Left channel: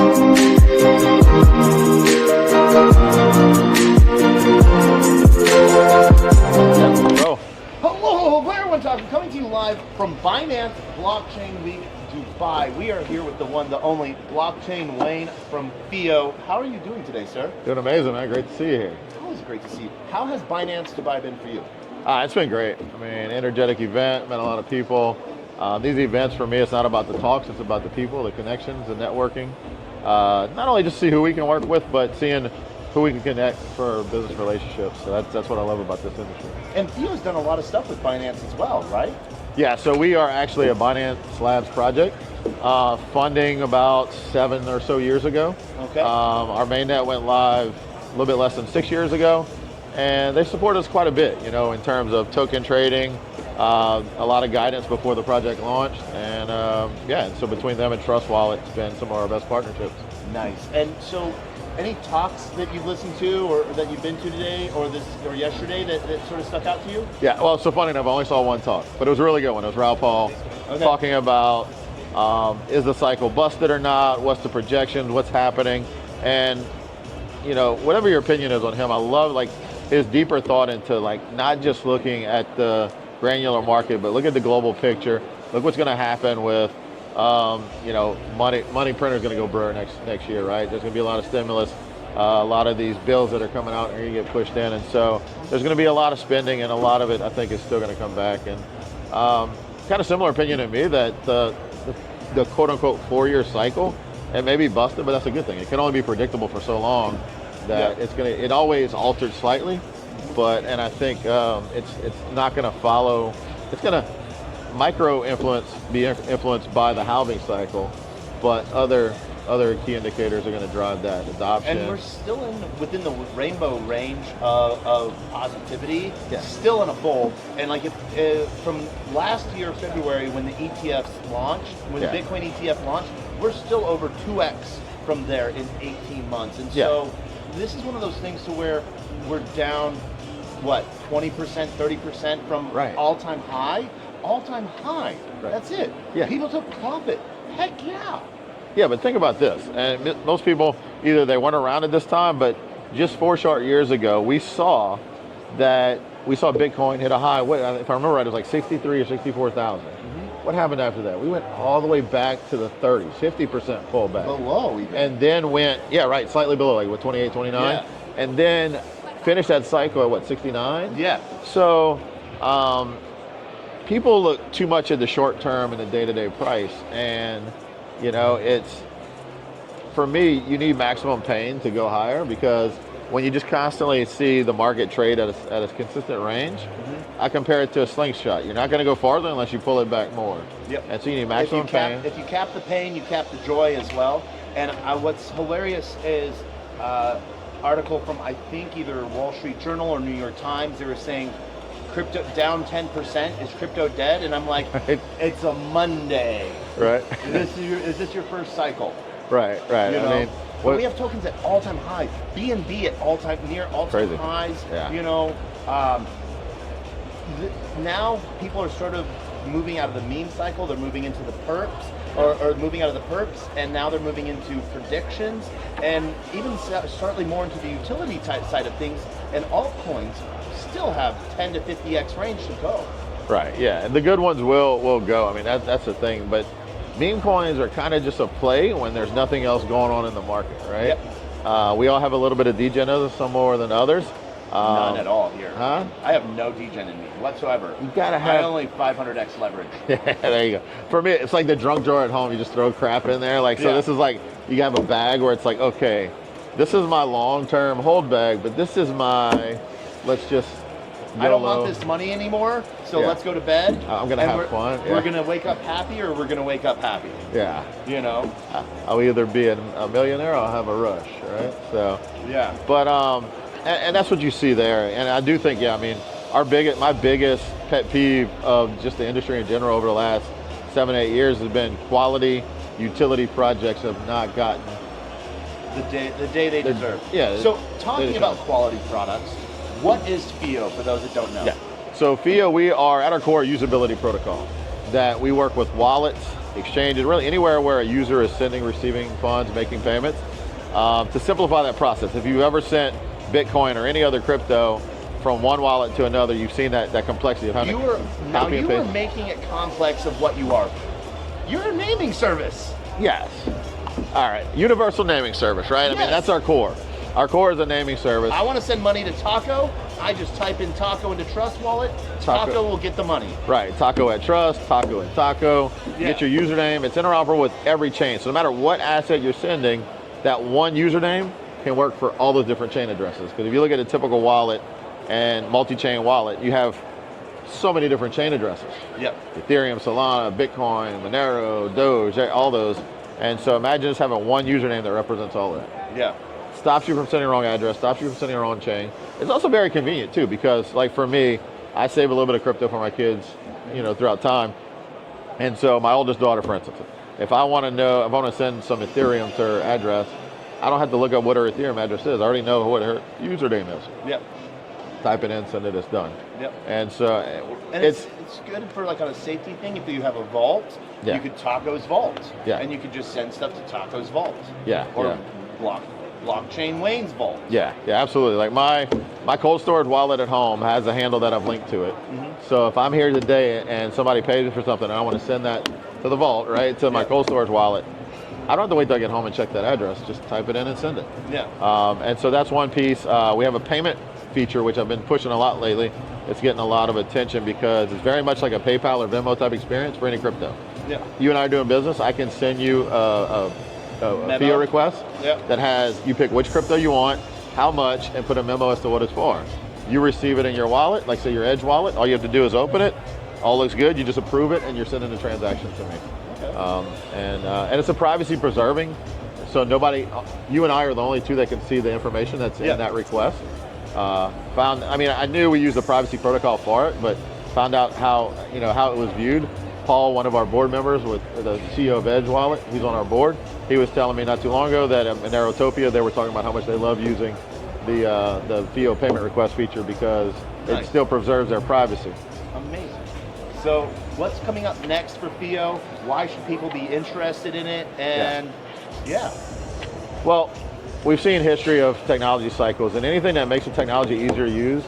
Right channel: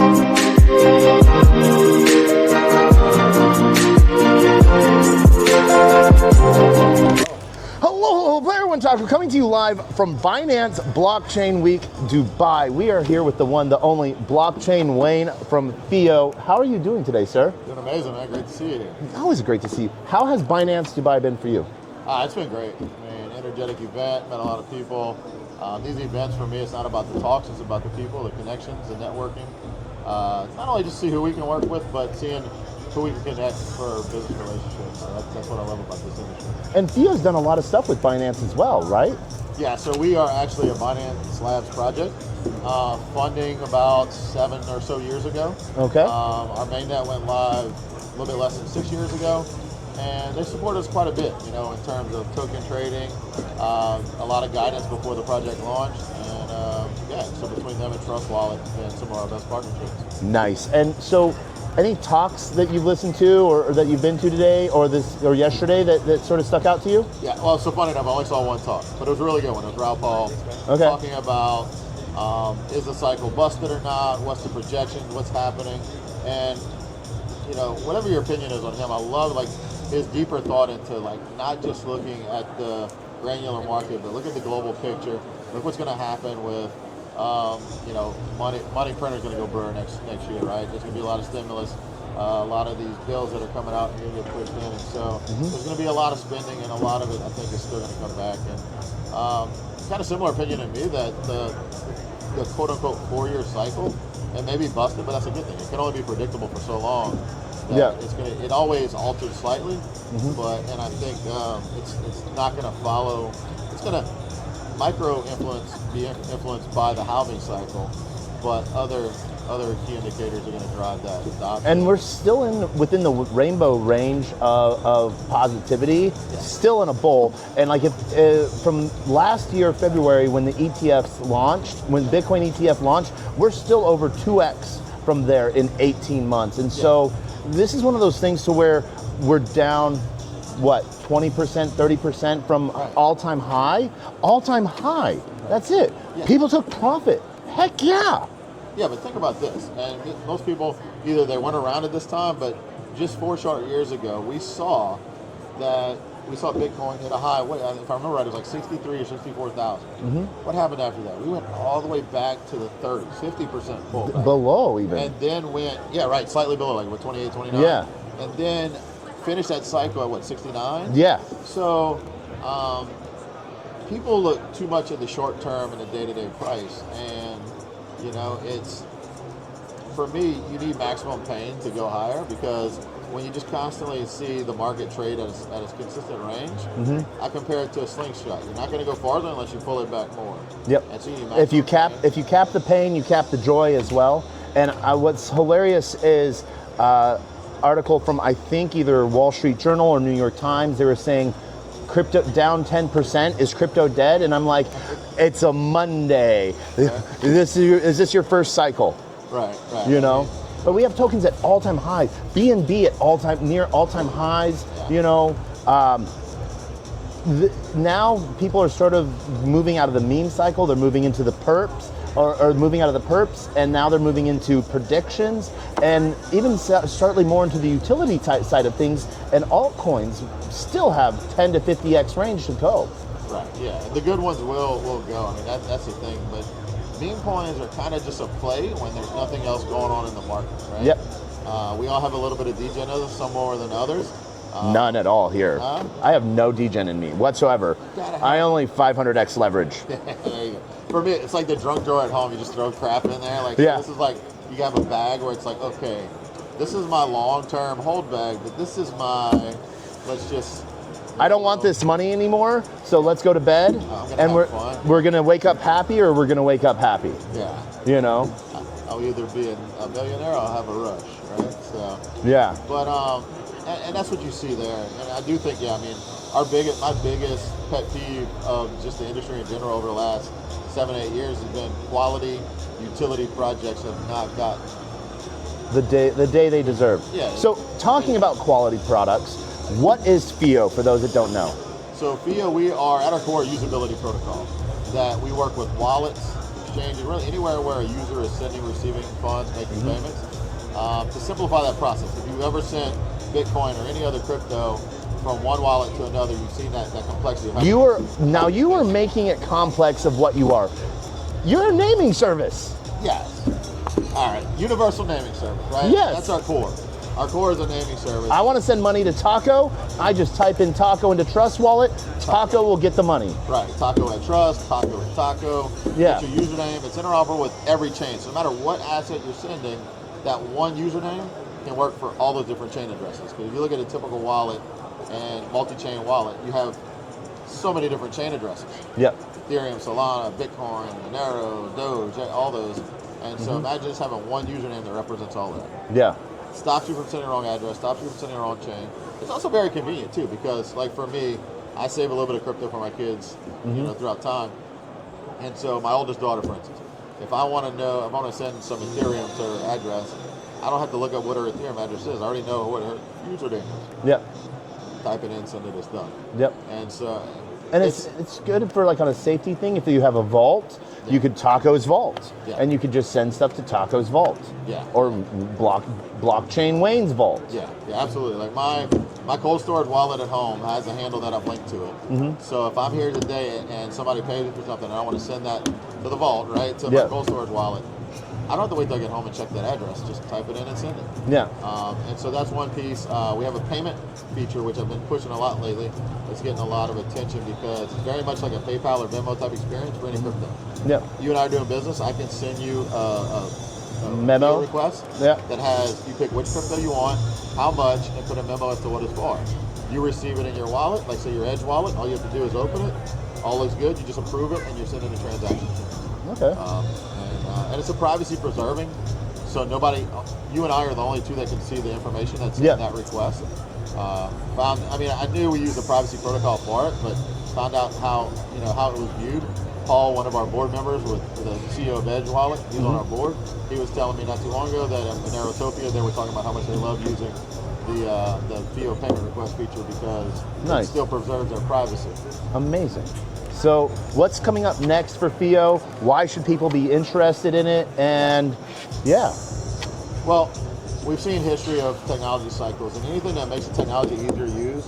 We're coming to you live from Binance Blockchain Week Dubai. We are here with the one, the only Blockchain Wayne from FIO. How are you doing today, sir? Doing amazing, man. Great to see you here. Always great to see you. How has Binance Dubai been for you? It's been great. I mean, energetic event, met a lot of people. These events for me, it's not about the talks, it's about the people, the connections, the networking. It's not only just see who we can work with, but seeing who we can connect for business relationships. So that's what I love about this industry. And FIO's done a lot of stuff with Binance as well, right? Yeah, so we are actually a Binance Labs project, funding about 7 or so years ago. Okay. Our mainnet went live a little bit less than 6 years ago, and they support us quite a bit, you know, in terms of token trading, a lot of guidance before the project launched, and yeah, so between them and Trust Wallet, it's been some of our best partnerships. Nice. And so, any talks that you've listened to or that you've been to today or yesterday that sort of stuck out to you? Yeah, well, so funny enough, I only saw one talk, but it was a really good one. It was Raul Paul talking about is the cycle busted or not? What's the projections? What's happening? And you know, whatever your opinion is on him, I love like his deeper thought into like not just looking at the granular market, but look at the global picture. Look what's going to happen with you know, money printer's going to go burr next year, right? There's going to be a lot of stimulus, a lot of these bills that are coming out are going to get pushed in, and so there's going to be a lot of spending, and a lot of it I think is still going to come back. And kind of similar opinion to me that the quote unquote 4-year cycle, and maybe busted, but that's a good thing. It can only be predictable for so long that it always altered slightly, but and I think it's not going to follow. It's going to be influenced by the halving cycle, but other key indicators are going to drive that adoption. And we're still within the rainbow range of positivity, still in a bull. And like from last year, February, when the ETFs launched, when the Bitcoin ETF launched, we're still over 2x from there in 18 months. And so this is one of those things to where we're down, what, 20%, 30% from all-time high? All-time high. That's it. Yeah. People took profit. Heck yeah. Yeah, but think about this. And most people, either they weren't around at this time, but just 4 short years ago, we saw Bitcoin hit a high. What, if I remember right, it was like 63 or 64,000. What happened after that? We went all the way back to the 30s, 50% pullback. Below even. And then went, slightly below, like what, 28, 29? Yeah. And then finished that cycle at what, 69? Yeah. So people look too much at the short term and the day-to-day price, and you know, it's, for me, you need maximum pain to go higher, because when you just constantly see the market trade at a consistent range, I compare it to a slingshot. You're not going to go farther unless you pull it back more. Yep. And so you need maximum pain. If you cap the pain, you cap the joy as well. And what's hilarious is article from, I think, either Wall Street Journal or New York Times. They were saying crypto down 10%. Is crypto dead? And I'm like, it's a Monday. Right. Is this your first cycle? Right. You know. But we have tokens at all-time highs. BNB at near all-time highs. Yeah. You know. Now people are sort of moving out of the meme cycle. They're moving into the perps, or moving out of the perps, and now they're moving into predictions, and even slightly more into the utility type side of things. And altcoins still have 10 to 50x range to go. Right. Yeah. And the good ones will go. I mean, that's the thing. But meme coins are kind of just a play when there's nothing else going on in the market, right? Yep. We all have a little bit of degenism, some more than others. None at all here. Huh? I have no degen in me whatsoever. You gotta have. I only 500x leverage. There you go. For me, it's like the drunk drawer at home. You just throw crap in there. Like, so this is like, you have a bag where it's like, okay, this is my long-term hold bag, but this is my, let's just, I don't want this money anymore, so let's go to bed. I'm gonna have fun. We're gonna wake up happy, or we're gonna wake up happy. Yeah. You know? I'll either be a millionaire or I'll have a rush, right? So. Yeah. But, and that's what you see there. And I do think, I mean, my biggest pet peeve of just the industry in general over the last 7-8 years has been quality utility projects have not gotten the day they deserve. Yeah. So talking about quality products, what is FIO for those that don't know? Yeah. So FIO, we are at our core usability protocol, that we work with wallets exchanges, really anywhere where a user is sending, receiving funds, making payments, to simplify that process. If you've ever sent Bitcoin or any other crypto from one wallet to another, you've seen that complexity of how you are making it complex of what you are. You're a naming service. Yes. All right. Universal naming service, right? Yes. I mean, that's our core. Our core is a naming service. I want to send money to Taco. I just type in Taco into Trust Wallet. Taco will get the money. Right. Taco at Trust, Taco at Taco. Yeah. Get your username. It's interoperable with every chain. So no matter what asset you're sending, that one username can work for all those different chain addresses. Because if you look at a typical wallet and multi-chain wallet, you have so many different chain addresses. Yep. Ethereum, Solana, Bitcoin, Monero, Doge, all those. And so imagine just having one username that represents all of that. Yeah. Stops you from sending the wrong address, stops you from sending the wrong chain. It's also very convenient too, because like for me, I save a little bit of crypto for my kids, throughout time. And so my oldest daughter, for instance, if I want to send some Ethereum to her address, I don't have to look up what her Ethereum address is. I already know what her username is. Yep. Type it in, send it, it's done. Yep. And so it's good for like on a safety thing. If you have a vault, you could Taco's vault, and you could just send stuff to Taco's vault, or blockchain Wayne's vault. Yeah, absolutely. Like my cold storage wallet at home has a handle that I've linked to it. So if I'm here today and somebody pays me for something, and I want to send that to the vault, right, to my cold storage wallet, I don't have to wait till I get home and check that address. Just type it in and send it. Yeah. And so that's one piece. We have a payment feature, which I've been pushing a lot lately. It's getting a lot of attention because it's very much like a PayPal or Venmo type experience for any crypto. Yeah. You and I are doing business. I can send you a FIO request that has, you pick which crypto you want, how much, and put a memo as to what it's for. You receive it in your wallet, like say your Edge wallet. All you have to do is open it. All looks good. You just approve it, and you're sending the transaction to me. Okay. And it's a privacy preserving, so nobody, you and I are the only two that can see the information that's in that request. I knew we used the privacy protocol for it, but found out how it was viewed. Paul, one of our board members, with the CEO of Edge Wallet, he's on our board. He was telling me not too long ago that in Monerotopia, they were talking about how much they love using the FIO payment request feature because it still preserves their privacy. Amazing. So what's coming up next for FIO? Why should people be interested in it? And well, we've seen history of technology cycles, and anything that makes the technology easier to use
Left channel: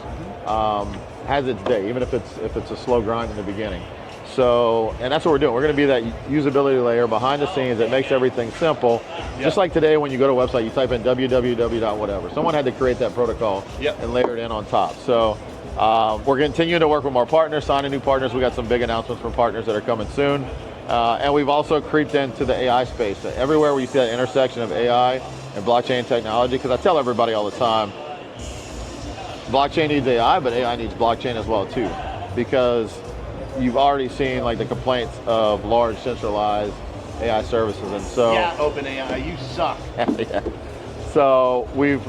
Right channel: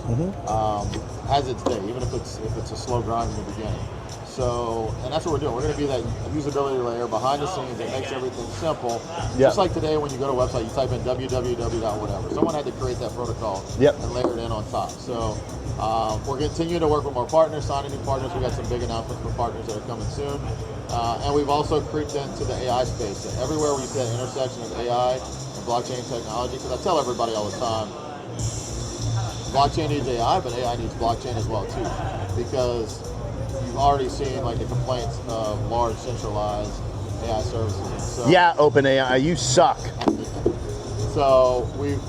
has its day, even if it's a slow grind in the beginning. So, and that's what we're doing. We're going to be that usability layer behind the scenes that makes everything simple. Just like today, when you go to a website, you type in www.whatever. Someone had to create that protocol and layer it in on top. So we're continuing to work with more partners, signing new partners. We got some big announcements from partners that are coming soon. And we've also creeped into the AI space. Everywhere where you see that intersection of AI and blockchain technology, because I tell everybody all the time, blockchain needs AI, but AI needs blockchain as well too. Because you've already seen like the complaints of large centralized AI services, and so OpenAI, you suck. So we've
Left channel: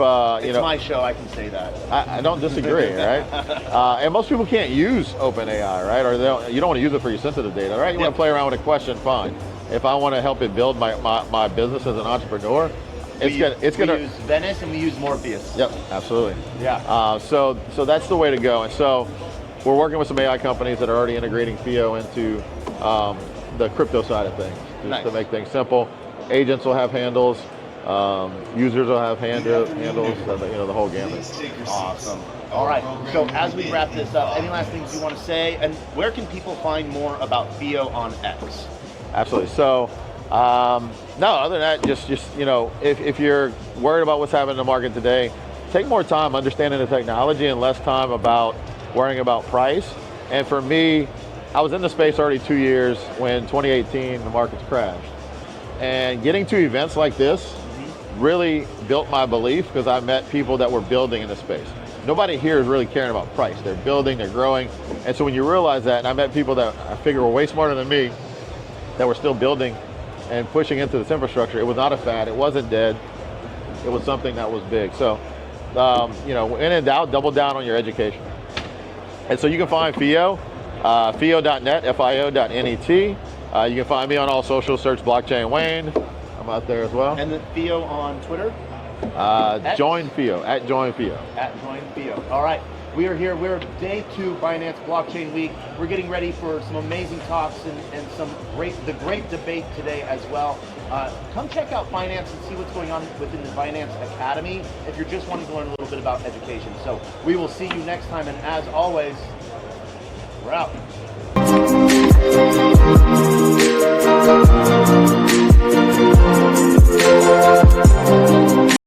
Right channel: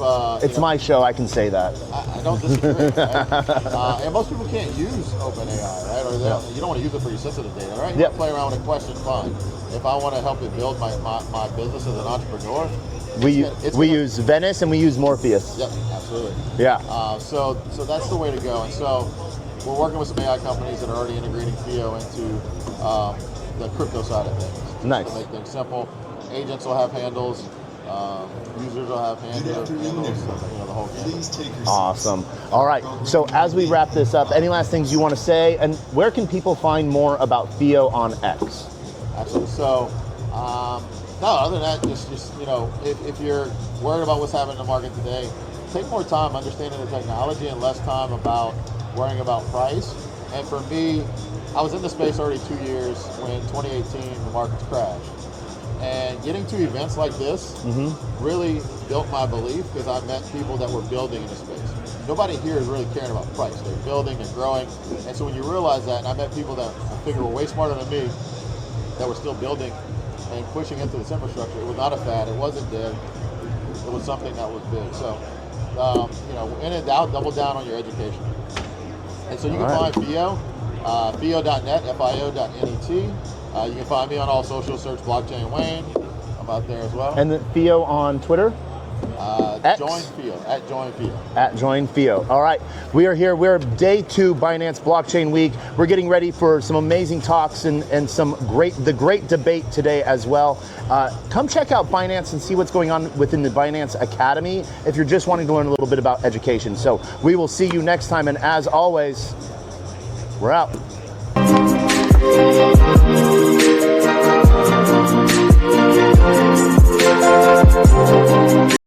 it's my show, I can say that. I don't disagree, right? And most people can't use OpenAI, right? Or you don't want to use it for your sensitive data, right? You want to play around with a question, fine. If I want to help it build my business as an entrepreneur, we use Venice and we use Morpheus. Yep, absolutely. Yeah. So that's the way to go. And so we're working with some AI companies that are already integrating FIO into the crypto side of things to make things simple. Agents will have handles. Users will have handles, the whole gamut. Awesome. All right. So as we wrap this up, any last things you want to say? And where can people find more about FIO on X? Absolutely. So, no, other than that, just if you're worried about what's happening in the market today, take more time understanding the technology and less time about worrying about price. And for me, I was in the space already 2 years when 2018 the markets crashed. And getting to events like this really built my belief because I met people that were building in the space. Nobody here is really caring about price. They're building, they're growing. And so when you realize that, and I met people that I figure were way smarter than me that were still building and pushing into this infrastructure. It was not a fad, it wasn't dead. It was something that was big. So, when in doubt, double down on your education. And so you can find FIO, FIO.net, FIO.net. You can find me on all social, search Blockchain Wayne. I'm out there as well. And then FIO on Twitter? Join FIO, at Join FIO. At Join FIO. All right, we are here. We're day 2 Binance Blockchain Week. We're getting ready for some amazing talks and the great debate today as well. Come check out Binance and see what's going on within the Binance Academy if you're just wanting to learn a little bit about education. So we will see you next time, and as always, we're out.